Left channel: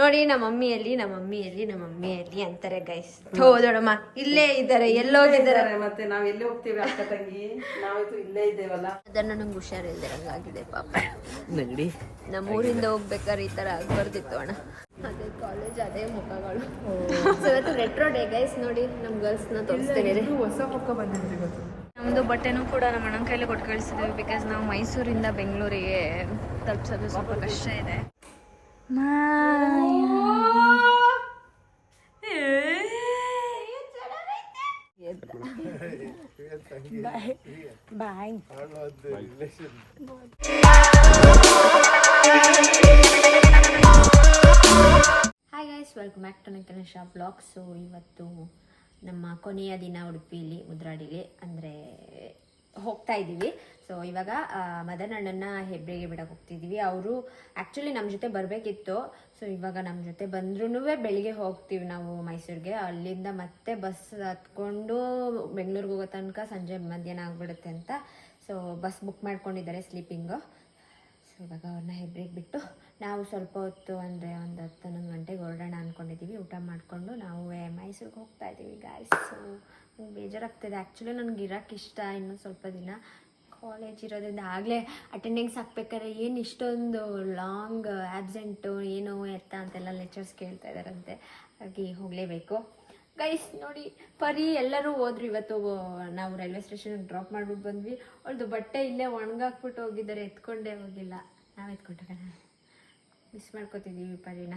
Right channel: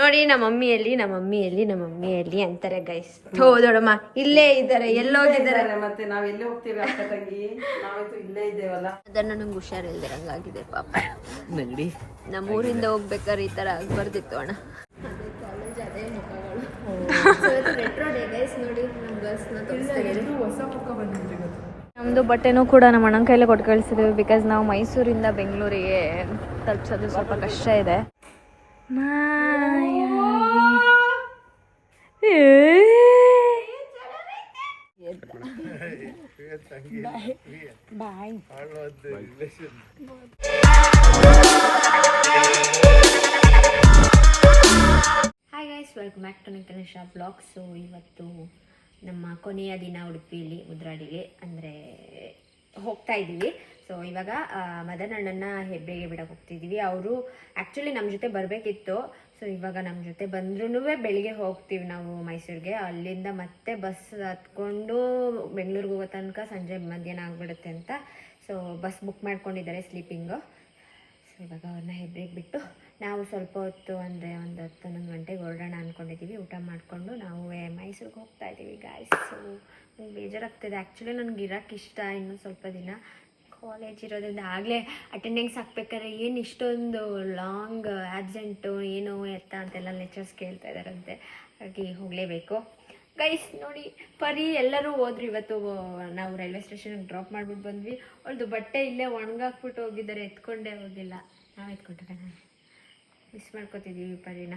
ನೋಡಿ ನಮ್ಮ ಮಮ್ಮಿಯಲ್ಲಿ ಅಂತಾರೆ ಗೈಸ್. ಹೌದೋಡಮ್ಮ ಇಲ್ಲೇ ಇದ್ದಾರೆ, ಎಲ್ಲೋಗಿದ್ದಾರೆ ಮತ್ತೆ ನಾವ್ ಎಲ್ಲೇ ಹೋಗ್ತೀವಿ ಅಕ್ಕ ತಂಗಿ, ನಾವೈತು ಇಲ್ಲೇ ಇದ್ದೇವಲ್ಲ. ಅದನ್ನ ನಂಗೆ ಹುಷಾರಿಲ್ದಿರಂಗಾಗಿದೆ ಪಾಪ. ನಗಡಿ ನಮ್ಮೂರಿಂದ ಹೋಗ್ಬೇಕಾದ್ರೆ ಈ ತರ ಆಗ್ಬಾರ್ದಿತ್ತು ಅಣ್ಣ. ಅದೇ ಕಾಲೇಜ್, ಅದೇ ಮುಖಗಳು. Retro day guys. ನೋಡಿ ನಮ್ ಗರ್ಲ್ಸ್ ನ ತೋರಿಸ್ತಾರೆ. ಹೊಸ ಮುಖ ಬಂದಿದೆ. ನಮ್ಮದು ಬಟ್ಟೆನೂ ಕೂಡ ನಮ್ಮ ಅಣ್ಣನ ಕೈಲೇ ಕೊಟ್ಟು ಕಳಿಸಿದ್ದೀವಿ. ಬಿಕಾಸ್ ನಾವು ಮೈಸೂರಿಂದ ಬೆಂಗಳೂರಿಗೆ ತಲುಪಿಸೋದು ಸ್ವಲ್ಪ ಕಷ್ಟ ಇದೆ. Bye. Hi guys, welcome back to Nikhilesh blog. So ಇವತ್ತು ನಮ್ಮ ಕೊನೆಯ ದಿನ ಉಡುಪಿಲಿ ಮುದ್ರಾಡಿಲಿ ಅಂದರೆ ಹೋಗ್ತಾ ಇದ್ದೀವಿ. ಸೊ ಇವಾಗ ಮದನ್ ಅಣ್ಣನ ಹೆಬ್ರಿಗೆ ಬಿಡಕ್ಕೆ ಹೋಗ್ತಿದ್ದೀವಿ. ಅವರು ಆ್ಯಕ್ಚುಲಿ ನಮ್ಮ ಜೊತೆ ಬರಬೇಕಿತ್ತು. ಸೊ ಇವಾಗ ನಮ್ಮ ಜೊತೆ ಬಂದ್ರೂ ಬೆಳಿಗ್ಗೆ ಹೋಗ್ತೀವಿ ನಾವು ಮೈಸೂರಿಗೆ. ಅಲ್ಲಿಂದ ಮತ್ತೆ ಬಸ್ ಹತ್ಕೊಂಡು ಬೆಂಗಳೂರಿಗೆ ಹೋಗೋ ತನಕ ಸಂಜೆ ಮಧ್ಯಾಹ್ನ ಆಗಿಬಿಡುತ್ತೆ ಅಂತ. ಸೊ ಬಸ್ ಬುಕ್ ಮಾಡ್ಕೊಂಡಿದ್ದಾರೆ ಸ್ಲೀಪಿಂಗು. ಸೊ ಇವಾಗ ಅವ್ರನ್ನ ಹೆಬ್ರಿಗೆ ಬಿಟ್ಟು ನಾವು ಸ್ವಲ್ಪ ಹೊತ್ತು ಅಂದರೆ ಒಂದು 10-11 ಗಂಟೆಗೆ ಹೊರಡೋಣ ಅಂದ್ಕೊಂಡಿದ್ದೀವಿ. ಊಟ ಮಾಡಿಕೊಂಡು ನಾವು ಮೈಸೂರಿಗೆ ಹೋಗ್ತಾ ಇದ್ದೀವಿ ಗಾಯ್ಸ್. ಸೊ ನಂಗೆ ಬೇಜಾರಾಗ್ತಿದೆ. ಆ್ಯಕ್ಚುಲಿ ನನಗೆ ಇರೋಕ್ಕೆ ಇಷ್ಟ. ಇನ್ನೂ ಸ್ವಲ್ಪ ದಿನ ಕಾಲೇಜ್ ಇರೋದ್ರಿಂದ ಆಗಲೇ ಅಟೆಂಡೆನ್ಸ್ ಹಾಕ್ಬೇಕಾದ್ರೆ ಏನು ಇಷ್ಟೊಂದು ಲಾಂಗ್ ಆ್ಯಬ್ಸೆಂಟು ಏನು ಎತ್ತ ಅಂತೆಲ್ಲ ಲೆಕ್ಚರ್ಸ್ ಕೇಳ್ತಾ ಇದ್ದಾರಂತೆ. ಹಾಗಾಗಿ ಹೋಗಲೇಬೇಕು ಗೈಸ್. ನೋಡಿ ಪರಿ ಎಲ್ಲರೂ ಹೋದ್ರು. ಇವತ್ತು ನಾವು ರೈಲ್ವೆ ಸ್ಟೇಷನ್ಗೆ ಡ್ರಾಪ್ ಮಾಡಿಬಿಟ್ಟು ಬಂದ್ವಿ. ಅವ್ರದ್ದು ಬಟ್ಟೆ ಇಲ್ಲೇ ಒಣಗಾಕ್ಬಿಟ್ಟು ಹೋಗಿದ್ದಾರೆ, ಎತ್ಕೊಂಡೇ ಹೋಗಿಲ್ಲ. ನಾವು ಎತ್ಕೊಂಡ್ರೆ ಮಿಸ್ ಮಾಡ್ಕೋತಿದ್ದೀವಿ ಪರಿನ.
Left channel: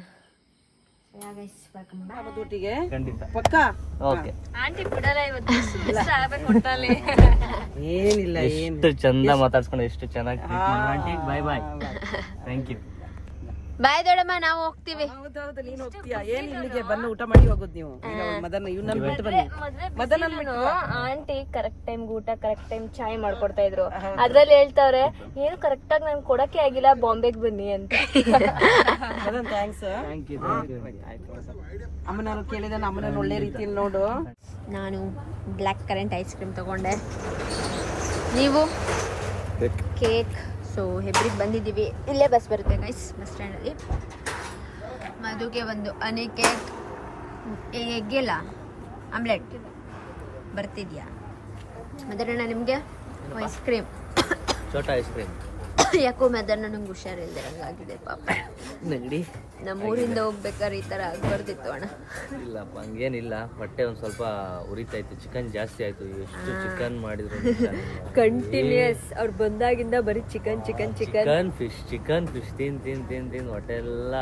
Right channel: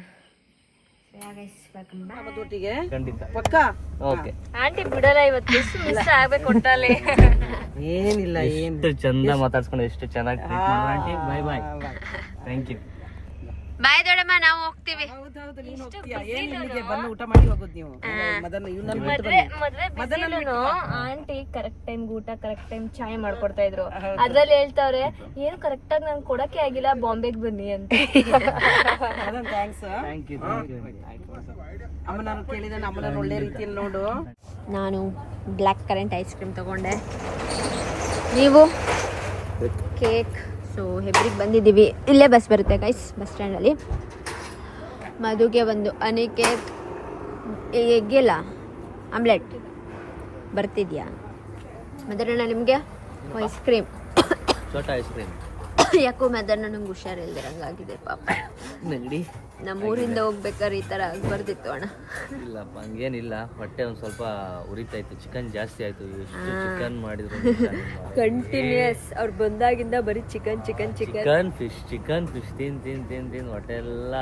Guys welcome back. ಒಟ್ಟಿಗೆ ಖಂಡಿತ ಪಕ್ಕ. ಓಕೆ. ಆಂಟಿ ಬಿಡಲ್ಲ ಇವತ್ತು. ಮಿಸ್ ಆಗ್ಬೇಕು ಒಟ್ಟಲ್ಲಿ. ಏನಿಲ್ಲ, ಎಷ್ಟು ಚಂದ ಮಾತಾಡ್ಸ್ಕೊಂಡು ಎಷ್ಟು ಚೆನ್ನಾಗಿ ಟ್ರೀಟ್ ಮಾಡಿದ್ರು aunty. Bye bye, thank you. Bye ದೊಡ್ಡಮ್ಮ, ನಾವು ಹೋಗ್ತೀವಿ. ಹೌದೌದು, ನೀನು ಹೋಗ್ತೀಯಾ? ಏನ್ ಇಲ್ಲಿಗೆ ಬಂದು ಊಟ ಮಾಡಿ ಹೋಗೋದು ನೀವು? ಮದನ್ ಇವನ್ನ ಬಿಟ್ಟು ಬನ್ನಿ. ಆಂಟಿ ಕರೆಕ್ಟ್ ಟೈಮ್ ಊಟ, ಕರೆಕ್ಟ್ ಟೈಮ್ ಚಾಯ್ ಮಾಡ್ಕೊಡ್ತಾ ಇದ್ರು. ಅದ್ರಲ್ಲಿ ಹೇಳ್ತಾವ್ರೆ ಏನು ಕರೆಕ್ಟ್ ಆಗಿ ನಾನು ಕೊಡಕ್ಕೆ ಆಗಿಲ್ಲ, ಬಾಂಬೆಗೆ ಬನ್ನಿ ಅಂತ. ಥ್ಯಾಂಕ್ಸ್. Thank you. ಅಮ್ಮನ ಕೇಳಿದ ಅಮ್ಮನ ಒಳ್ಳೆ ರೀತಿಯಲ್ಲಿ ನೋಡು. ನಾನು ಬ್ಲ್ಯಾಕ್ ಕರೆಂಟ್ ಐಸ್ ಕ್ರೀಮ್ ತಗೊಂಡೆ. ನೀವು ಕೇಕ್. ಸೊ ಹೆಬ್ರಿಗೆ ಬಂದಿದ್ದೀವಿ. ಇಲ್ಲೇ ಬಸ್ ಬರುತ್ತೆ ಗೈಸ್, ಬಸ್ ಸ್ಟ್ಯಾಂಡಲ್ಲಿ. ಮದುಗೆ ಒಂದು ಹನಿ ಕೇಕ್, ಎಗ್ಗಿಲ್ಲ ಆಮ್ಲೆಟ್ ಬರ್ತಿದ್ಯಾ ಮದರಣ್ಣ? ನಿಮಗೆ ಐಸ್ ಕ್ರೀಮ್, ಚೋಟ ಐಸ್ ಕ್ರೀಮ್. ಯಾಕೋ ಮದರಣ್ಣ ನಂಗೆ ಹುಷಾರಿಲ್ದಿರಂಗಾಗಿದೆ ಪಾಪ. ನಗಡಿ ನಮ್ಮೂರಿಂದ ಹೋಗ್ಬೇಕಾದ್ರೆ ಈ ಥರ ಆಗ್ಬಾರ್ದಿತ್ತು ಅಣ್ಣ. ಇಲ್ಲಪ್ಪ, ಹಂಗೇನಿಲ್ಲ. ಹೊಟ್ಟೆ ಒಂದು ಸ್ವಲ್ಪ ಉರಿತಾ ಇತ್ತು. ಚಿಕನ್ ಜಾಸ್ತಿ ಆಯ್ತು. ಎಷ್ಟು ಚಿಕನ್ ಮಾಡಿದ್ರು ಕಂಟಿನ್ಯೂಸ್ ಅವ್ರು ಬಂದಾಗಿಂದ ಬರೀ chicken chicken chicken chicken fish ತಿನ್ ಹೊಟ್ಟೆ ಎಲ್ಲ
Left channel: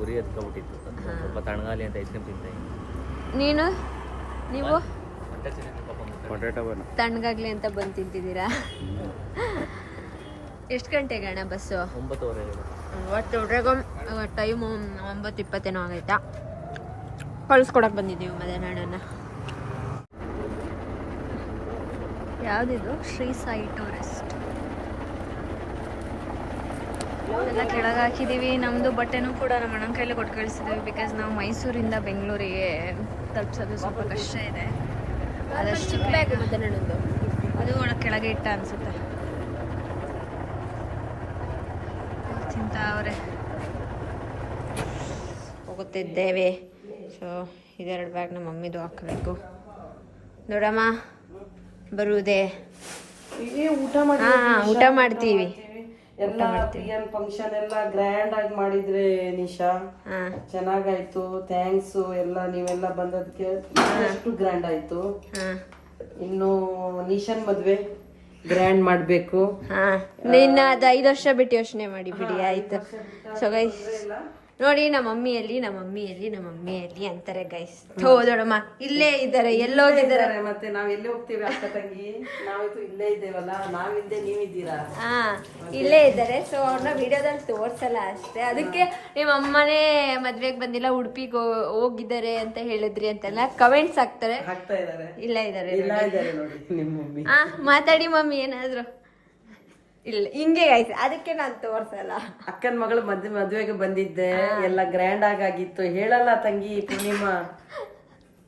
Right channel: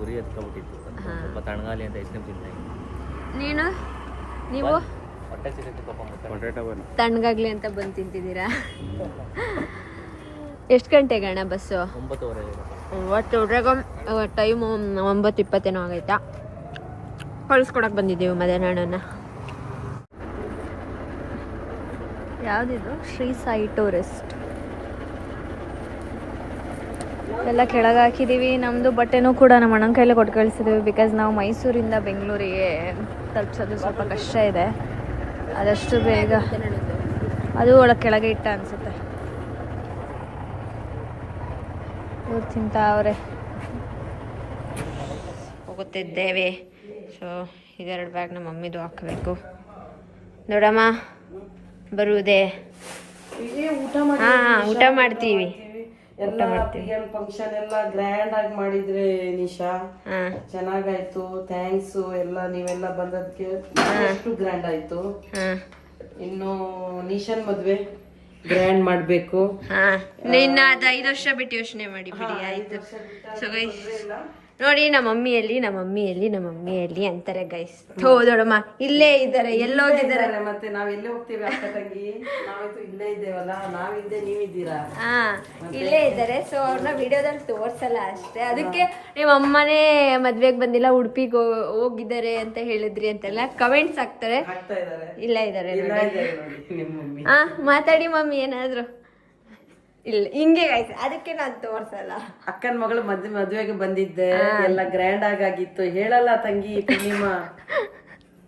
ಉರಿ ಎತ್ಕೊಬಿಟ್ಟಿತ್ತು. ಸ್ವಲ್ಪ ತಣ್ಣಗಾಲಿ ಅಂತ ಐಸ್ ಕ್ರೀಮ್ ತಿಂತ ಇದ್ದೀನಿ. ನೀವು ಪೊಟ್ಯಾಟೊ ತಣ್ಣಗಾಗ್ಲಿ ಅಂತ ಬಂದು ತಿಂತಿದ್ದೀರಾ? ಎಷ್ಟು ಗಂಟೆಗೆ ಅಣ್ಣ ಬಸ್ಸು? 9:30. ಒಟ್ಟು ಟೈಮು 9:20 ಆಗೈತಾ. ಕಳಿಸ್ಕೊಡಕ್ಕೆ ಬಂದಿದ್ದೀವಿ ಮಧ್ಯಾಹ್ನ. ಯಾವುದಿದು? ಶ್ರೀ ಸಾಯಿ ಟೂರಿಸ್ಟ್ ಎಲ್ಲ ಕೆಳಗೆ ಹಾಕಿದ್ದೀವಿ. ನಮ್ಮದು ಬಟ್ಟೆನೂ ಕೂಡ ನಮ್ಮ ಅಣ್ಣನ ಕೈಲೇ ಕೊಟ್ಟು ಕಳಿಸಿದ್ದೀವಿ. ಬಿಕಾಸ್ ನಾವು ಮೈಸೂರಿಂದ ಬೆಂಗಳೂರಿಗೆ ತಲುಪಿಸೋದು ಸ್ವಲ್ಪ ಕಷ್ಟ ಇದೆ. ಆದಷ್ಟು ಬೇಗ. ಅದು ಒಳಗೆ ಕೆಳಗೆ ಇಟ್ಟ ಅನಿಸುತ್ತೆ. ಇವ್ರು ತಿಂತಾವ್ರೆ. ಹೋಗುತ್ತಿದ್ದೇವೆ. ಸೊ ಇದೆರಡು ಬ್ಯಾಗ್ ನಮ್ಮ ಮಮ್ಮಿದು ಹಾಕಬೇಕು. ದೊಡ್ಡಮ್ಮ ಬರುವುದೇ? ಊಟ ಮಾಡ್ತೀವಿ. ಫಂಕ್ಷನ್ ಎಲ್ಲ ಗ್ರ್ಯಾಂಡ್ ಆಗಿ ಮಾಡಿದ್ರೆ ನಿಶಾ, ಚೆನ್ನಾಗಾಯ್ತು. ಥ್ಯಾಂಕ್ಸ್ ಎಲ್ಲ ನೀವೆಲ್ಲ ಬಂದದಕ್ಕೆ. ಅಷ್ಟು ಗ್ರ್ಯಾಂಡ್ ಆಯ್ತು. ಇನ್ನು ನಿಶಾನ್ ಮದ್ವೆ ಗ್ರ್ಯಾಂಡ್ ಮಾಡ್ಬೇಕು. ಇನ್ನ ಅದು 5 ವರ್ಷ ಬಿಟ್ಟು ಯೋಚನೆ ಮಾಡಿ ಬಿಡಿ, ಆಯ್ತು. ಸೊ ಗೈಸ್ ನೋಡಿ ನಮ್ಮ ಮಮ್ಮಿಯಲ್ಲಿ ಅಂತಾರೆ ಗೈಸ್. ಹೌದೋಡಮ್ಮ ಇಲ್ಲೇ ಇದ್ದಾರೆ, ಎಲ್ಲೋಗಿದ್ದಾರೆ ಮತ್ತೆ ನಾವ್ ಎಲ್ಲೇ ಹೋಗ್ತೀವಿ ಅಕ್ಕ ತಂಗಿ, ನಾವೈತು ಇಲ್ಲೇ ಇದ್ದೇವಲ್ಲ. ನಾವಿಲ್ಲದೆ ನೀವಿದ್ದೀರಾ? ಇಲ್ಲೇ ಇದ್ದಾರೆ. ಸೊ ಅವ್ರನ್ನ ವಿಡಿಯೋದಲ್ಲಿ ತೋರ್ಸಲ್ಲ ಅಷ್ಟೇ. ಅದಕ್ಕೆ ನಿಮ್ಮ ಅಮ್ಮನೇ ಮದ್ವೆಗೆ ಬಂದಿಲ್ಲ, ಉಡುಪಿಗೆ ಹೋಗಿದ್ದಾರೆ ಅಂತ ಹೇಳಿದ್ರಿ ಅಂತೆಲ್ಲ ಕಮೆಂಟ್ಸ್ ಹಾಕ್ತಾರೆ. ಇಲ್ಲ ಇದ್ದಾರೆ ನೋಡಿ. ಮಾತಾಡಿ ಮಮ್ಮಿ ಏನಾದ್ರು. ಇಲ್ಲ ಹಿಂಗೆ ಗೈಸ್, ಅದಕ್ಕೆ ನಾನು ತೋರ್ಸಲ್ಲ. ಅಕ್ಕನ ಮಗಳು ಮದ್ವೆಗೆ ಬಂದಿದ್ದೆ, ಎಲ್ಲ ಗ್ರ್ಯಾಂಡ್ ಆಗಿತ್ತು. ಹೇಳಲ್ಲ ತಂಗಿ ಪೂರ್ಣಿಮಾ?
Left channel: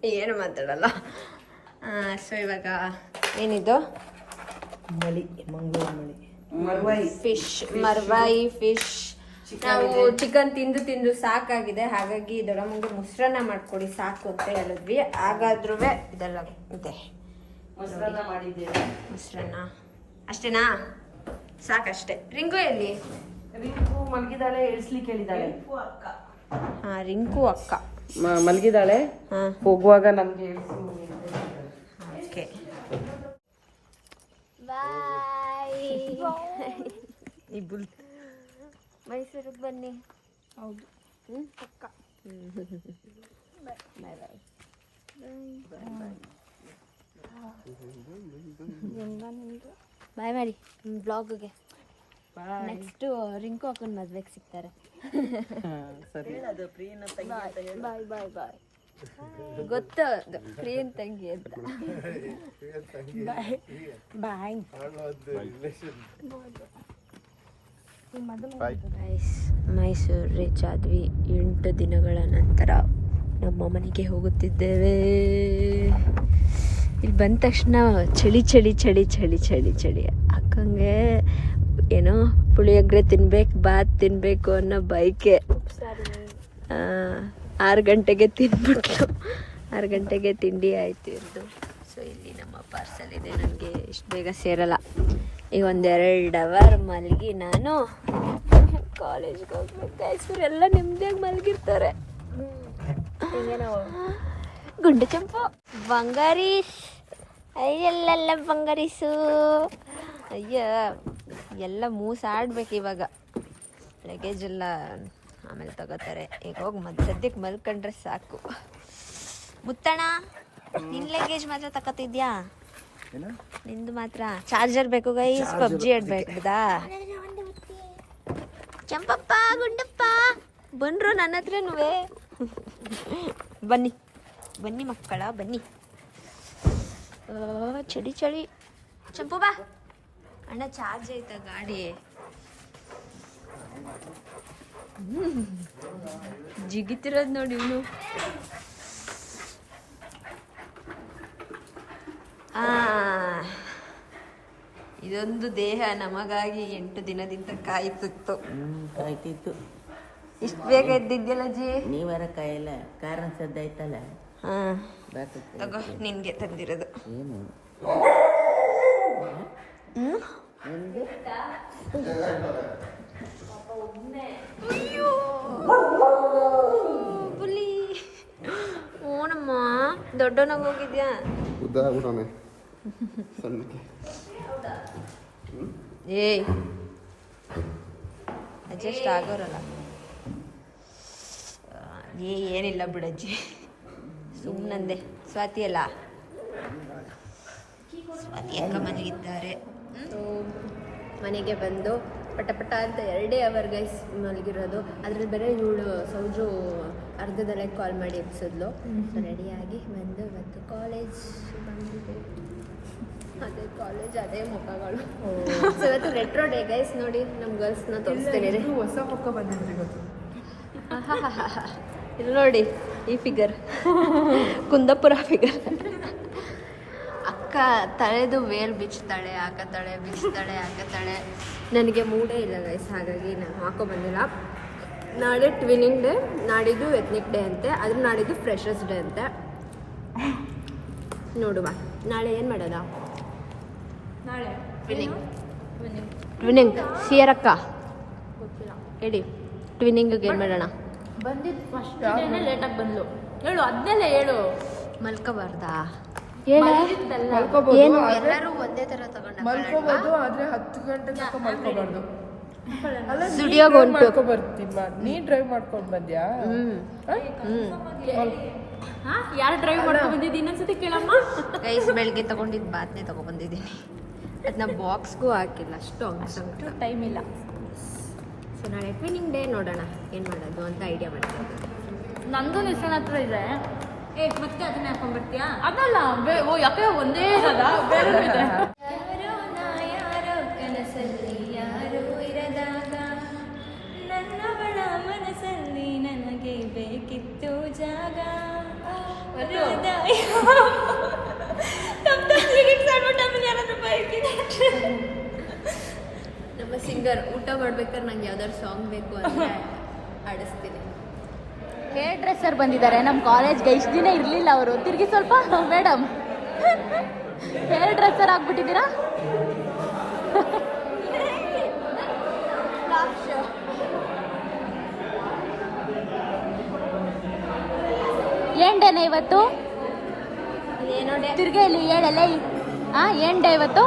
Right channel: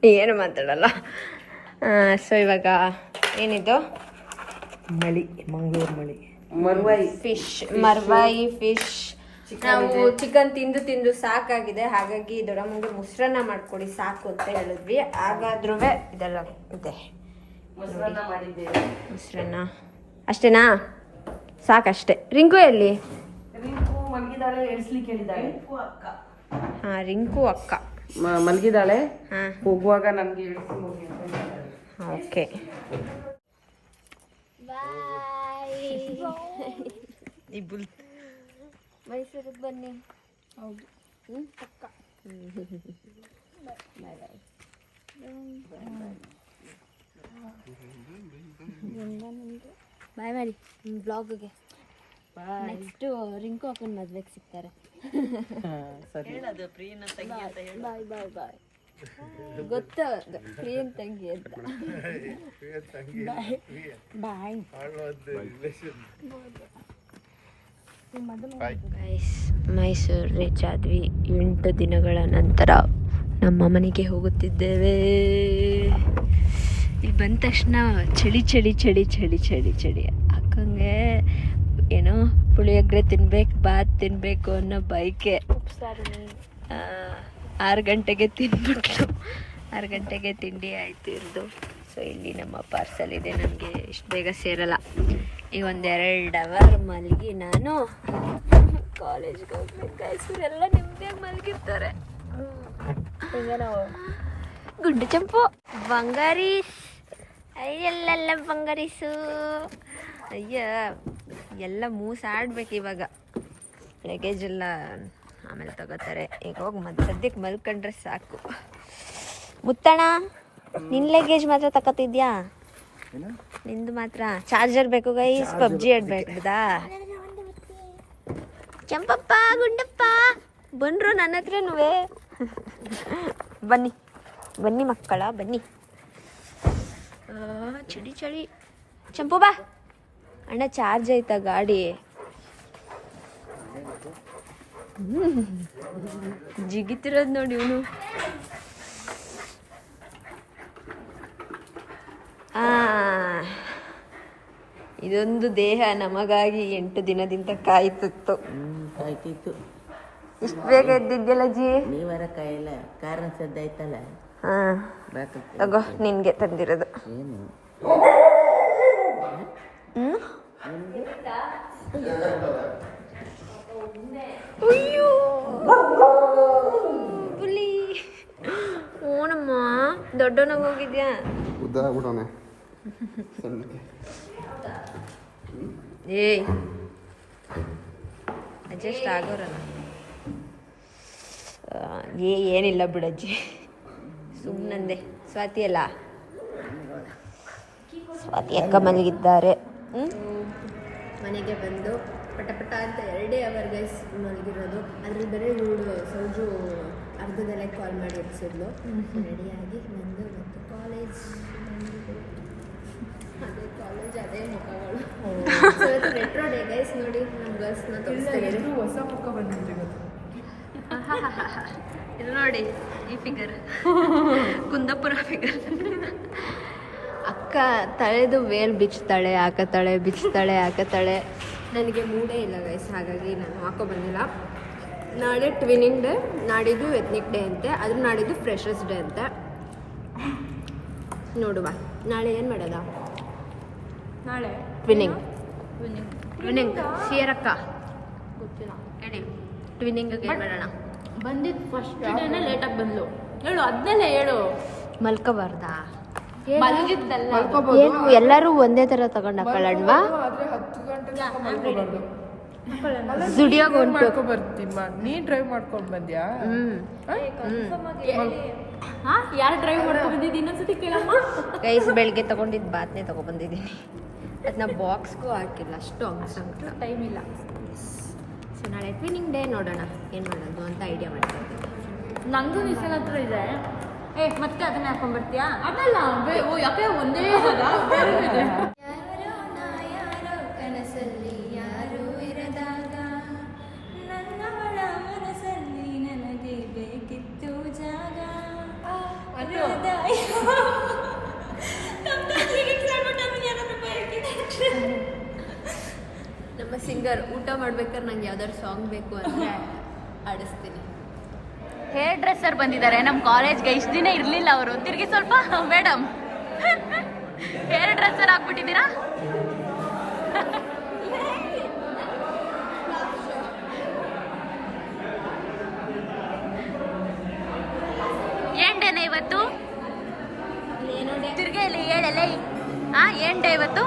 ಏನು ಮಾತಾಡಲ್ಲ. ಸೊ ಇವಾಗ ಏನಿದು? ಮಳಿ, ಮಂಗಳೂರು ಮಳಿ, ಮರ್ವಾಯಿ ಫಿಶ್ ನಾವು ಚಿಕನ್ ತಿಂದು ತಿಂದು ಸಾಕಾಗಿದೆ, ಹಾಗಾಗಿ ದೊಡ್ಡಮ್ಮಂಗೆ ಮೊಸರನ್ನ ಮಾಡ್ಕೊಡಿ ಸಾಕು ಅಂತ ಹೇಳಿದ್ವಿ. ಹಾಗಾದ್ರೂ ಇದೆಲ್ಲ ಇದೆ ಮೊಸರನ್ನ ಮಾಡಿದ್ದೇವೆ. ಮೊಸರನ್ನ ಅಷ್ಟೇನಾ? ಸಾಕಷ್ಟೇ. ರಿಂಕು ಎಲ್ಲಿ? ರಿಂಕು ಮಲಗಿದಾಳೆ, ಎಳ್ಸ್ಲಿಕ್ಕೆ ಹೇಳಿದಾಳೆ. ಹಾ, ರಿಂಕು ಅಕ್ಕ ಮಲಗಿದಾಳೆ. ಹಾ, ಹೋಗುವಾಗ ನಮ್ಗೆ ಎಳ್ಸಿ ಹೋಗಿ. Okay bye. ಮೈಸೂರಿಗೆ ಬನ್ನಿ. ಹೌದು. ಅಕ್ಕ ಬಾಯ್ ಬಾಯ್. ಬಾಯ್ ಮಾಡಿ ಬ್ಲಾಗ್ಗೆ. ನೆಕ್ಸ್ಟ್ ರಿಂಕು ಹಾಕೊಂಡು ಮದ್ವೆಗೆ ಸಿಗ್ತಾರೆ. ಬಾಯ್ ಬಾಯ್ ಬಾಯ್. ಗೊತ್ತು ಪ್ರಿಯನ್ ತಂಗಿ ಅಂತ. ಬಾಯ್ ಬಾಯ್. ಮೈಸೂರು ರೀಚ್ ಆದ್ವಿ. 8 ದಿನಗಳ ನಂತರ ನಮ್ಮ ಮನೆಗೆ ಹೋಗುತ್ತಿದ್ದೇವೆ. ಇಲ್ಲಿ ಬಂದ ತಕ್ಷಣ ಚಳಿ ಚಳಿ ಚಳಿ ಚಳಿ ಚಳಿ ಚಳಿ ಅಕ್ಕಂಗೆ ಏನೋ ಪುಳಿಯೋಗರೆ ತಿನ್ಬೇಕು, ಬಾತ್ ತಿನ್ಬೇಕು ಅನ್ನೋ ಬೈಕೆ. 6 ಗಂಟೆಗೆ ತಿನ್ಬಿಟ್ಲು. 6 ಗಂಟೆಗೆ ತಿಂಡಿ ಆಯ್ತು ಇರ್ದು. ಸೊ ಇಲ್ಲಿ ನಮ್ಮ ಪಾರ್ಸಲ್ ಇದೆ. ನನಗೆ ಇಷ್ಟು ಬೇಗ ಸೇರಲ್ಲ. ಈಗ 1-2 ಅವರ್ ಮಲಗಿ ನಾನು ಕಾಲೇಜ್ಗೆ ಹೋಗ್ಬೇಕು. ಎಲ್ಲ ನಿಮ್ಗೆ ಮಲಗಿರ್ತಾರೆ. ಗುಂಡು ಚಂಪು ಬಂಗಾರೀಸ್. ಅಯ್ಯಲ್ಲ ಬಂಗಾರೀಸು. ಅಯ್ಯ ಎಲ್ಲ ಮೂಸಾಡ್ಬೇಕು ಇವಾಗ. ಲಗೇಜ್ ಎಲ್ಲ ಆಮೇಲೆ ತಗೋತಾರೆ. ಈಗ ಹೋಗಿ ಸದ್ಯಕ್ಕೆ ಮಲ್ಕೊಂಡ್ರೆ ಸಾಕು. ಮುತ್ತಣ, ನಿನ್ನ ಲಗೇಜ್ ಮಾತ್ರ ತಗೋತಿದ್ಯಾ? ನಿಂದು ಮಾತ್ರ ಚಾರ್ಜರ್ ಬೇಕು ಗೈಸ್. ಪಬ್ಜಿ ಆಡ್ಬೇಕದಾ? ಕೆಂಪಪ್ಪ ಗುಂಡಪ್ಪ ಬಂದ್ರು ನನ್ನ ಹತ್ರನೂ. ಬನ್ನಿ ಬನ್ನಿ ಮಕ್ಕಳ ಬನ್ನಿ. ಚಳಿ ಚಳಿ. ಚಂಪು ಬಾ. ಅಣ್ಣ ಚಾರ್ಜ್ ಆಯ್ತಾ ಗಾಡಿ? ಜಿಗಿತಿರೋದು ನೋಡಿ ಇವನು. ಇದೊಂದು ದೇಹ ನಮಗಾಗಿ 8 ದಿನದಿಂದ ಕಾಯ್ತಿತ್ತು. ಇಷ್ಟು ಬೇಗ ಎದ್ದಿದ್ಯಲ್ಲ ಜಿ? ನೀವರ ಕಾಯಿಲ್ಲ, ಕಾರಣ ಸದ್ದ ಆಯ್ತಲ್ಲ. ಹಾ ತಗೋ, ನಿನ್ಗೆ ತಂದಿರೋದು. ಏನು ಅಯ್ಯೋ ಬುಲಿ. ಓಣಮ್ಮ ದೊಡ್ಡವನಾಗ ಹೋಗಿದ್ಯಾ? ಏಯ್ ಅಡ್ಜಸ್ಟ್ ಆಗೋರಲ್ಲ. ಏನಿಲ್ಲ ಬಿಡಜ್ಜಿ, ಸುಮ್ಮನಂದೆ. ಸ್ವಾತಿ ಅಲ್ಲ, ಸ್ವಾತಿ ಅಕ್ಕ ಮಲಗಿದ್ದಾರೆ. ಮನೆಗೆ ಬಂದು ಪಟ ಪಟ ಅಂತ 2 ಅವರ್ ಗೈಸ್ ಮಲಗಿರೋದು. ಅದ್ರಲ್ಲಿ ಬೇರೆ ಇವಳು ಸೌಜು ಅರ್ಧದಲ್ಲೇ ಕಾಲ್ ಮಾಡಿ ಎಬ್ಸಿದ್ಲು. ರೆಡಿಯಾಗಿ ಬಂದು ಮತ್ತು ಕಾಲೇಜ್ ಬಂದಿದೆ. ಅದೇ ಕಾಲೇಜ್, ಅದೇ ಮುಖಗಳು. ಸೊ ಇವತ್ತು ರೆಟ್ರೋ ಡೇ ಗೈಸ್. ನೋಡಿ ನಮ್ಮ ಗರ್ಲ್ಸ್ನ ತೋರಿಸ್ತೀನಿ. ಹೊಸ ಪಕ್ಕ ಬಂದಿದ್ರಿ ಗೊತ್ತು. ಇದು ನೋಡಿ ಈ ಫಿಗರ್, ಕುಂದಾಪುರ ಫಿಗರ್. ಅಕ್ಕ ತಳೆದು ವೇಲ್ ಬಿಚ್ತಾಳೆ, ಹಾಕತಾಳೆ, ಬಿಚ್ತಾಳೆ, ಹಾಕತಾಳೆ. ನನಗೆ ಮೂಡೇ ಇಲ್ಲ ಗೈಸ್, ಹಾಗಾಗಿ ನಾನು ಹಾಕೋ ಬಂದಿಲ್ಲ. ನಾಳೆ ಟ್ವಿನಿಂಗ್ ಡೇ, ನಾಡಿದ್ದು ಎತ್ನಿಕ್ ಡೇ ಅಂತೆ, ಅದ್ರ ನಾಡಿದ್ದು ಫ್ರೆಶರ್ಸ್ ಡೇ ಅಂತೆ. ನೋಡುವ ನಾಳೆ ಏನು ಮಾಡೋದ? ನಾಳೆ ಟ್ವಿನಿಂಗ್. ಟ್ವಿನಿಂಗ್ ಸಿಯರಕ್ಕ ಹೇಳಿ, ಟ್ವಿನಿಂಗಿಗೆ ಏನು ಮಾಡೋಣ? ಬಂದಿದ್ದು ಫಸ್ಟ್ ಡೇನೇ ಲೇಟಾಗಿ ಬಂದ್ಲು. ಹೇಳು, ಅದನ್ನೆಲ್ಲ ಹೇಳು. ಮಲ್ಕೋಬಾರ್ದಾ? ಏನು ಎಲ್ಲರೂ ಒಂದೇ ಥರ ತಗೊಂಡು ಹಾಕೊಳ್ಳೋಣವಾ? ಸ್ಟುಡಿಯೋಗೆ ಬರ್ತೀಮ್ಮ. ನೀ ಡ್ರೈವ್ ಮಾಡ್ಕೊಂಡು ಬಂದ್ಯಾ? ಯಾರು ಡ್ರೈವ್ ಮಾಡ್ಕೊಂಡು ಬಂದಿದ್ದು ಇನ್ನೊಂದ್ಸತಿ ಕೇಳಮ್ಮ. ಗೈಸ್ ಬೆಳಗ್ಗೆ ತಗೊಂಡಿದ್ದು ಬಾತ್ನೆ ತಗೊಬಂದಿದ್ದೀನಿ. ಅದನ್ನ ಬಾಕ್ಸ್ಗೂ ಹಾಕಿಲ್ಲ, ಅಷ್ಟು ಅಂಗಸಂಕಟ ಟೈಮ್ ಇಲ್ಲ. ಸೊ ನಾಳೆ ಟ್ವಿನಿಂಗ್ ಡೇ, ನೋಡೋಣ ಏನು ಮಾಡೋದು ಅಂತ ಐಡಿಯಾ ಮಾಡ್ತಾ ಇದ್ದೀನಿ. ನಂದು ನಿಸನ್ ಹತ್ರ ಇದೆ. ಮತ್ತೆ ಅದನ್ನ ಹಾಕೊಂಡ್ ಬರ್ತೀಯಾ? ಅದಲ್ಲ, ಯಾಕೆ ಒಂದೇ ಬೇರೆ ಇದೆ. ಕನಸಲ್ಲಿ ಯಾರು ಇರದಾಗ ನನ್ನವಳ ಮನಸ್ಸಲ್ಲಿ ನನಗೆ ಬೇಕಿತ್ತು ಜಾಗ. ನಮ್ಮ ಸಿಂಗರ್. ಊಟ ಮಾಡ್ಬೇಕಾದ್ರೆ ನಂಗೆ ಯಾವ್ದಾದ್ರು ಸಾಂಗ್ ಬೇಕು ಅಂದರೆ ಆಡಿಸ್ತೀನಿ. ಹೇರ್ ಡ್ರೆಸ್ಸರ್ ಬಂದಿದ್ದಾರೆ ನಮ್ಮ ಕಾಲೇಜ್ಗೆ. ಇಷ್ಟು ದಿನ ಇರಲಿಲ್ಲ ಅವರು. ತಿರುಗಿ ಸ್ವಲ್ಪ ಮೇಡಮ್, ಹೇರ್ ಡ್ರೆಸ್ಸರ್ ಆಗ್ಬಿಟ್ಟಿದ್ದೀರಾ? ಏನ್ ಡೇನ ಇವತ್ತು? ಏನೋ ಡೇ ತಿರ್ಗೇಲಿ ಹೇಳಲ್ಲ. ಏನ್ ಡೇ ಇವತ್ತು?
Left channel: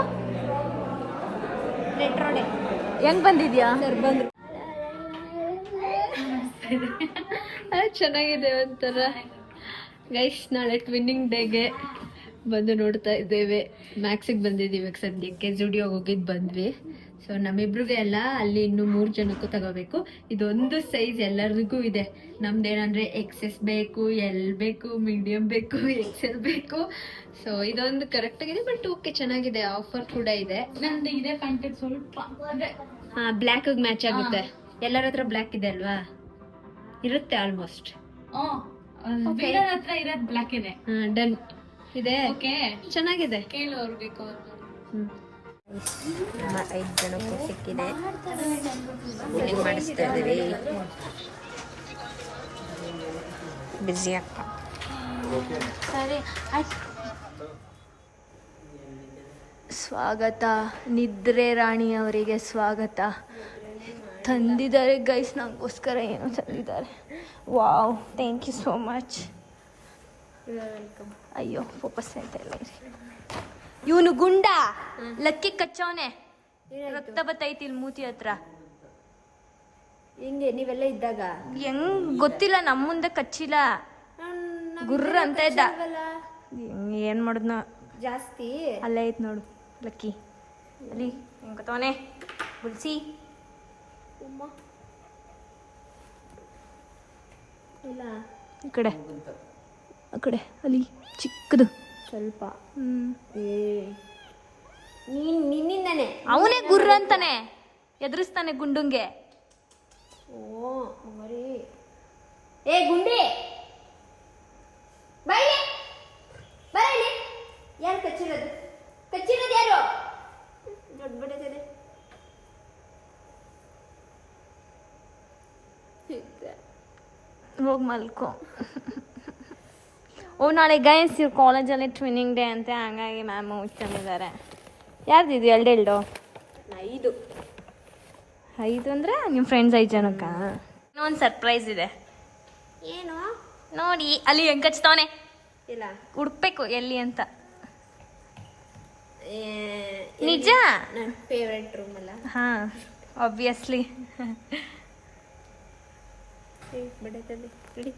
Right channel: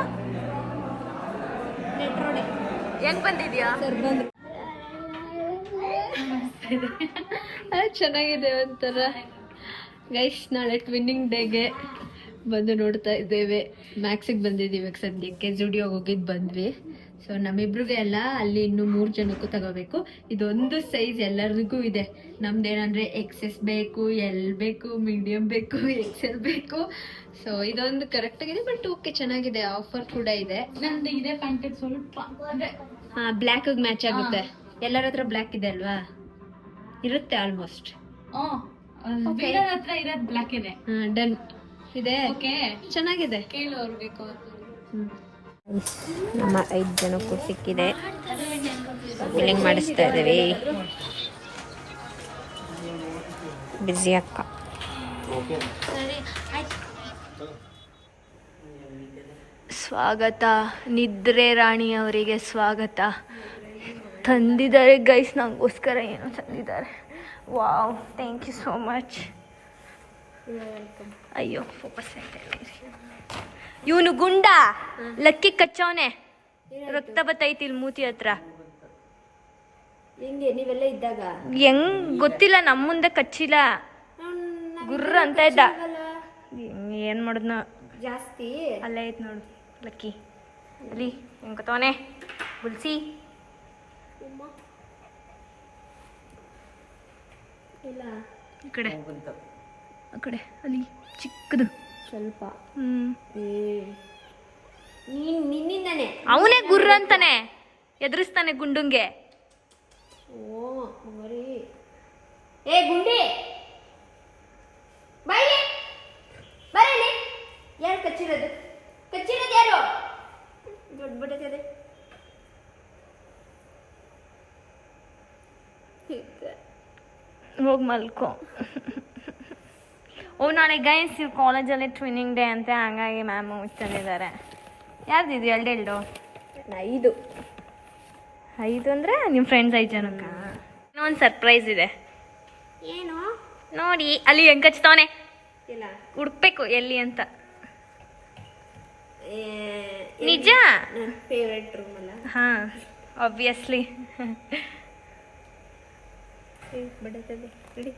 Retro day. ಹೆಂಗ್ ಬಂದಿದ್ಯಾ? ಸರ್ ಬಂದ್ರು. ಚೆನ್ನಾಗಿದೆ ಒಂಥರ. ಗೈಸ್, ನಾಳೆ ಟ್ವಿನ್ನಿಂಗ್ ಡೇಗೆ ಬಂದು ನೋಡ್ತಾ ಇದ್ದೇವೆ. ಮ್ಯಾಕ್ಸಿಗೆ ಬಂದಿದ್ದೀವಿ ಇವಾಗ ಸದ್ಯಕ್ಕೆ. ಜುಡಿಯೋಗೆ ಹೋಗಿದ್ದು ಬಂದ್ವಿ. ಸೊ ನಮ್ಮಿಬ್ರಿಗೆ ಎಲ್ಲ ಅಲ್ಲಿ ಇನ್ನು 3 ಜನಕ್ಕೂ ತಗೋಬೇಕು. ಇದೊಂದು ಸೈಜ್ ಎಲ್ಲರಿಗೂ ಇದೆ. ನಮ್ದೇನಂದ್ರೆ ಎಕ್ಸೆಸ್ ಬೇಕು, ಎಲ್ ಬೇಕು, ಮೀಡಿಯಂ ಬೇಕು, ಎಕ್ಸೆಲ್ ಬೇಕು. ಸೊ ಇದೊಂದು ಕರೆಕ್ಟ್ ಆಗಿದೆ. ಬಟ್ ಓಕೆ, ಚೆನ್ನಾಗಿದೆ. ಆಫರ್ ಕೂಡ ಇದೆ. ನಂದು ಇದೆ ಪ್ಯಾಂಟ್ ಸ್ವಲ್ಪ ಅಂದ್ರೆ ಬ್ಲ್ಯಾಕ್ ಮ್ಯಾಚ್ ಆಗುತ್ತೆ. ಎಲ್ಲರ ಹತ್ರ ಬ್ಲ್ಯಾಕ್ ಇದೆ ಅಲ್ವಾ? ಇರುತ್ತೆ ಆಲ್ಮೋಸ್ಟ್. ಹತ್ರ ಇರೋದು ಬ್ಲಾಕ್ ಇದೆ. ಡನ್ ಇದೆ. ಚೆನ್ನಾಗಿದೆ. ನಮ್ಮ 5 ಜನಕ್ಕೂ ಸಿಕ್ಕಿದೆ. ಬಿಲ್ಲಿಂಗ್ ಮಾಡಿಸ್ತಾ ಇದ್ದೀವಿ. ಬಿಸಿ ಅಕ್ಕ. ಸ್ವಾಗತ ನಿದ್ರೆ ರಾಣಿ ಅವರಿಗೆ ಸ್ವಾಗತ. ತಂದಿದ್ದಾರೆ ಗೈಸ್, ನಂಗೋಸ್ಕರ ಏನೋ ತಂದಿದ್ದಾರೆ. Wow, thank you so much. ಅಯ್ಯೋ, ಫೋಕಸ್ ಆಯ್ತಾ ಇಲ್ಲ. ಇವನು ಗುಂಡ ಲಕ್ಕಿ ಕಚ್ಚವನೆ. ರಕ್ತ ಬತ್ತೈತಿ ಇಲ್ಲಿ ಮೂತಿ ಹತ್ರ. ಹಿಂಗೆ ನೀವೆಲ್ಲ ಇದ್ದಾಗ ಹೆಂಗ್ ಗೊತ್ತಿಲ್ಲ, ನಮ್ಮ ಮುಂದೆ ಕಚ್ಚಿಲ್ಲ. ಗುರ್ರ ಅಂತ ಇದ್ದ. ಏನ್ ಮಾಡುದ್ನ ಜಾಸ್ತಿ. ಅಲ್ಲೇ ಐತ್ ನೋಡು ಲಕ್ಕಿ. ಅಲ್ಲಿ ಹೆಂಗ್ ಕತ್ತವನೆ ಗುಲ್ಸಿ. ಇಲ್ಲ ಈ ಕಡೆ, ಆ ಕಡೆ ಅಲ್ಲಿ ಚಿಕ್ಕದು ಸ್ವಲ್ಪ. ಹ್ಮ್. ನಿನ್ನಿಂದಾನೆ ಅವನೇ ಗುರ್ರ ಅಂತಾನೆ ಎದುರಿಸ್ತಾನೆ ಗುಂಡುಂಗೆ. ಓ ಮರಿ. ಏ ಗುಂಡಿ, ಬೈಲಿ ಬರಲಿ. ಯಾರು ಕಚ್ಚಿರೋದು? ಕಚ್ಚಿರೋದು ಯಾರು? ದೊಡ್ಡ ಬಡಕದೆ. ಹೋಗಿ ಮಲ್ಕೊ. ಓ, ನಾಳೆ ಗೈಸ್ ಇವ್ರು ಕಾಲೇಜಲ್ಲಿ ಟ್ವಿನ್ನಿಂಗ್ ಡೇ ಅಂತೆ. ಹಂಗಾಗಿ ಮ್ಯಾಮ್ ತಂದಿದ್ದಾರೆ. ಯಾರ್ದಿದು? 2 5 ಅಂದರೆ ನಿಮ್ಮ ಫ್ರೆಂಡ್ಸ್ 5 ಜನಕ್ಕ. ಇನ್ನೊಂದು ಸರ್ಪ್ರೈಸ್ ಇದೆ. ಏನು? ನೋಡಿ ಅಲ್ಲಿ ಹೆಂಗ್ ಕಚ್ತವನೆ. ಇಲ್ಲ ಹುಡ್ಬೇಕು ಎಲ್ಲಿ ಅಂತ. ನಿಜ. ನನ್ನ ಫೇವ್ರೆಟ್ ರೂಮ್ ಅಲ್ಲ. ಹಾ, ಆಬ್ವಿಯಸ್ಲಿ. ಬಡಕದೆ ಬಿಡಿ.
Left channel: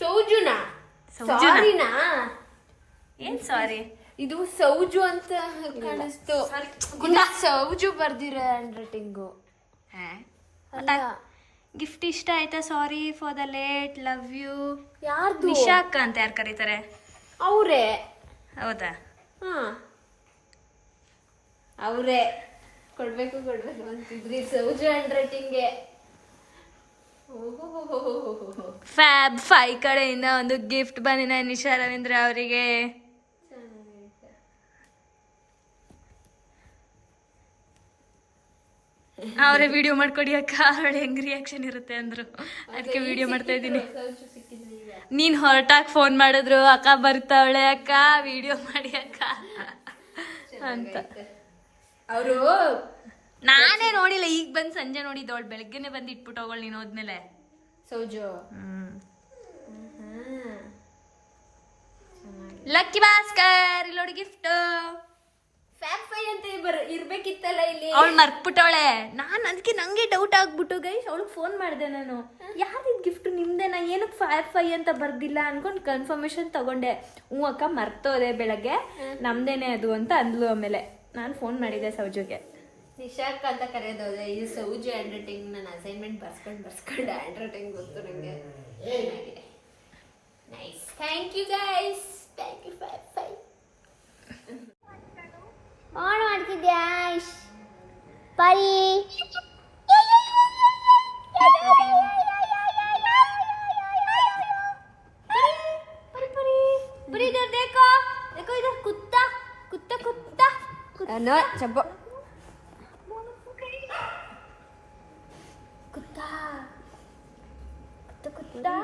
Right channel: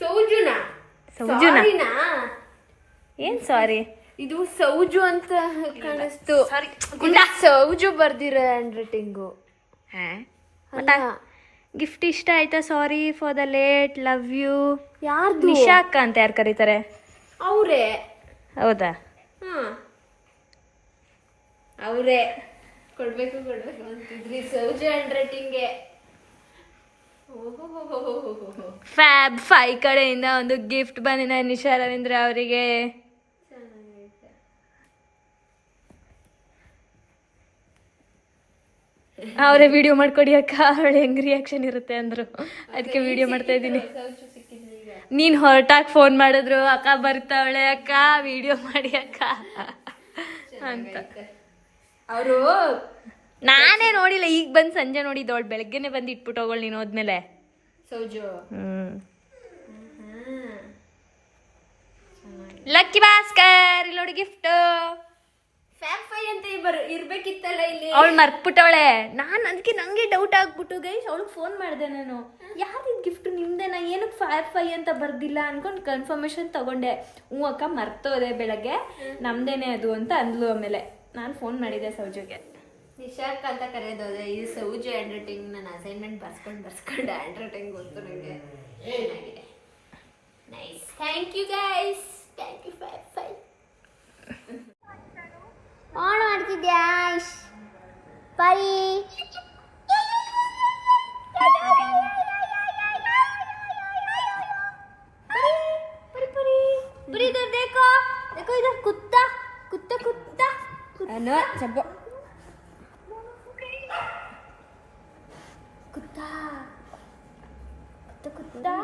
ಸೌಜುನಾ? ಸೌಜುನಾ? ಏನ್ ಸಾರಿ, ಇದು ಸೌಜು ಅಂತ ಕಾಣಿಸ್ತು. ಗುಂಡ ಸೌಜು ಬರ್ದಿರೋ ಹ್ಯಾಂಡ್ ರೈಟಿಂಗು. ಗಿಫ್ಟ್ ಇಷ್ಟ ಆಯ್ತಾ? Sorry for the late, love you. ಯಾರ್ದು? ನಿಶಾ ಅಕ್ಕ ಅಂತ ಯಾರು ಕರೀತಾರೆ? ಅವರೇ. ಹೌದಾ? ಹಾ, ಅವರೇ ಕೊಡ್ಬೇಕು ಅಂತಿದ್ರಿ. ಸೌಜು ಹ್ಯಾಂಡ್ ರೈಟಿಂಗ್ಗೆ. ಫ್ಯಾಬ್ 5 ಕಡೆಯಿಂದ ಒಂದು ಗಿಫ್ಟ್ ಬಂದಿದೆ ನಿಶಾ ರವೀಂದ್ರ ಅವರಿಗೆ. ಅವರೇ ವಿಡಿಯೋ ಮಾಡ್ಕೊಡಿ ಅಕ್ಕ, ಅವಳು ಹೆಂಗ್ ರಿಯಾಕ್ಷನ್ ಇರುತ್ತೆ ಅಂದ್ರು. ಅದಕ್ಕೆ ವಿಡಿಯೋ ಮಾಡ್ತಾ ಇದ್ದೀನಿ. ನೀನ್ ಹೊರಟಾಗಿ ಫೋನ್ ಮಾಡಿದ್ರು, ಅಕ್ಕ ಬರ್ತಾವಳೆ ಅಕ್ಕ ವಿಡಿಯೋ ಮಾಡಿ ಅಕ್ಕ ಅಂತ. ಅವರು ನಾನೇ ನೋಡಿಲ್ಲ, ಈಗ ಬಂದು ಸಂಜೆ ನೋಡಿದ್ದು. ಅವಳು ಬೆಳಗ್ಗೆನೆ ಬಂದು ಇಟ್ಬಿಟ್ಟು ಹೋಗೋಳು ನೀನು ಹೋದ್ಮೇಲೆ. ಸೌಜು ಲಕ್ಕಿ ಭಾಸ್ಕರ್ ಇಲ್ಲೋಡಿ ಗಿಫ್ಟ್. ಫ್ಯಾಬ್ 5 ಅಂತ ಇರ್ಬೇಕಿತ್ತಲ್ಲ ಇಲ್ಲಿ. ಅವಳು ಮರ್ತ್ಬಿಟ್ಟವಳೆ. ನಾನು ಅದಕ್ಕೆ ನಂಗೆ ಡೌಟ್ ಆಗ್ಬಿಟ್ಟು ಗೈಸ್ ಅವಳಿಗೆ ಫೋನ್ ಮಾಡಿದೆ ನಾನು. ಯಾರಿದ್ ಗಿಫ್ಟ್ ನಿಮ್ದೇನಾ? ಏನಕ್ಕೆ ಫ್ಯಾಬ್ 5 ಅಂತ ಬರ್ದಿಲ್ಲ ಅನ್ಕೊಂಡು ಕನ್ಫರ್ಮೇಶನ್ ತಗೊಂಡೆ. ಅಕ್ಕ ಮರ್ತೋದೆ ಬೆಳಗ್ಗೆ, ನಮ್ದೇನೆ ಅದು ಅಂತ ಅಂದ್ಲು. ಆಮೇಲೆ ನಾನು ಫೋನ್ ಮಾಡಿದ್ದೆ ಸೌಜುಗೆ. ನಿಶಾಕ್ ಅಂತ ಕರೆಯೋದೆ. ಇದು ಸೌಜು ಹ್ಯಾಂಡ್ ರೈಟಿಂಗ್. ನಾನು ಅಸೈನ್ಮೆಂಟ್ ಬರ್ಸ್ಕೊಂಡು ಹ್ಯಾಂಡ್ ರೈಟಿಂಗ್ ಗೊತ್ತು ನನಗೆ. ಚೆನ್ನಾಗಿದೆ. Nice. Thank you guys. Thank you fab 5. On ಮಾಡ್ತಿದ್ಯಾ ಪರಿ परी परी परी इधर देखो देखो इधर कुत्ता कुत्ता कुत्ता नो चब्बो कुत्ता कुत्ता कुत्ता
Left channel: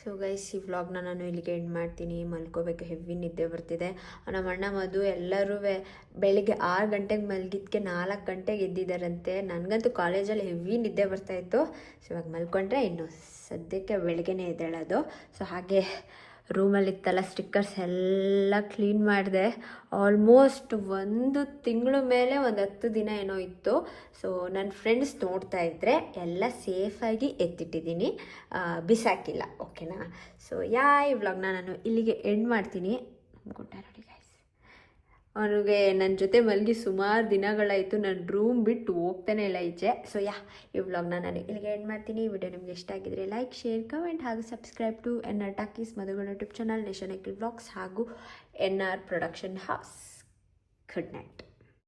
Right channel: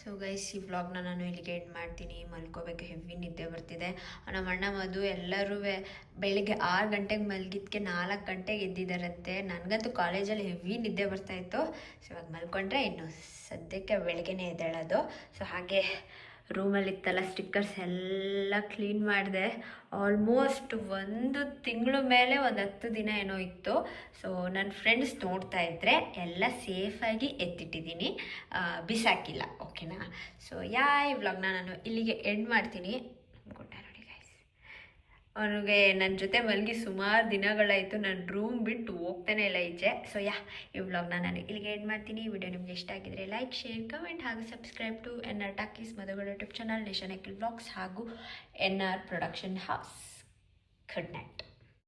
ಸೊ ಗೈಸ್ ಈ ವ್ಲಾಗ್ನ ನಾನು ಇಲ್ಲಿಗೆ ಎಂಡ್ ಮಾಡ್ತೀನಿ. ಮಲ್ಕೋಬೇಕು, ಹೆವಿ ನಿದ್ದೆ ಬರ್ತಿದೆ. ನಮ್ಮ ಅಣ್ಣ ಮಧು ಎಲ್ಲರೂ ಬೆಳಿಗ್ಗೆ 6 ಗಂಟೆಗೆ ಮಲಗಿದ್ದಕ್ಕೆ 4 ಗಂಟೆಗೆ ಎದ್ದಿದ್ದಾರಂತೆ. ನನಗಂತೂ ಕಾಲೇಜಲ್ಲಿ ಹೆವಿ ನಿದ್ದೆ ಬರ್ತಾಯಿತ್ತು. ಸೊ ಇವಾಗ ಮಲ್ಕೊಂಡ್ರೆ ಇನ್ನು ಸದ್ಯಕ್ಕೆ ಬೆಳಿಗ್ಗೆನೇ ಎದ್ದೇಳೋದು. ಸೊ ಹಾಗೆ ರೂಮಲ್ಲಿತ್ತಲ್ಲ ಸ್ಟಿಕ್ಕರ್ಸ್ ಎಲ್ಲ ಕ್ಲೀನ್ ಮಾಡಿದೆ. ಆಲ್ಮೋಸ್ಟ್ 1 ತಿಂಗಳು ಮೇಲೆ 10 ದಿನ ಏನೋ ಇತ್ತು. ಸೊ ನನ್ನ ಫ್ರೆಂಡ್ಸ್ ನೋಡ್ತಾ ಇದ್ದರೆ ಎಲ್ಲ ಸೇಫಾಗಿ ಎತ್ತಿಟ್ಟಿದ್ದೀನಿ, ಬಿಸಾಕಿಲ್ಲ. ಓಕೆನಾ? ಸೊ ಈ ವ್ಲಾಗ್ನ ನಾನು ಇಲ್ಲಿಗೆ ಎಂಡ್ ಮಾಡ್ತೀನಿ. ಗುಡ್ ನೈಟ್ ನೋಡಿ ಗೈಸ್. ಅವ್ನಿಗೆ ನನ್ನ ಜೊತೆ ಮಲಗಿ ಸುಮಾರು ದಿನಗಳಾಯಿತು. ನಾನು ರೂಮ್ ಬಿಟ್ಟು ಹೋಗ್ತಾನೆ ಇಲ್ಲ ಈಚೆ. ಸೊ ಈ ವ್ಲಾಗ್ನ ನಾನು ಇಲ್ಲಿಗೆ ಎಂಡ್ ಮಾಡ್ತೀನಿ. ಈ ವಿಡಿಯೋ ನಿಮ್ಗೆ ಇಷ್ಟ ಆಗಿದ್ರೆ ಲೈಕ್, ಶೇರ್, ಕಮೆಂಟ್ ಹಾಗೂ ಸಬ್ಸ್ಕ್ರೈಬ್ ಟು NR ಟಾಕೀಸ್ ಮಧುಗಳ ಯೂಟ್ಯೂಬ್ ಚಾನಲ್, ನೇಷನ್ ಎಕ್ಲ್ ಬ್ಲಾಗ್ಸ್ ಹಾಗೂ NR production house. Good night.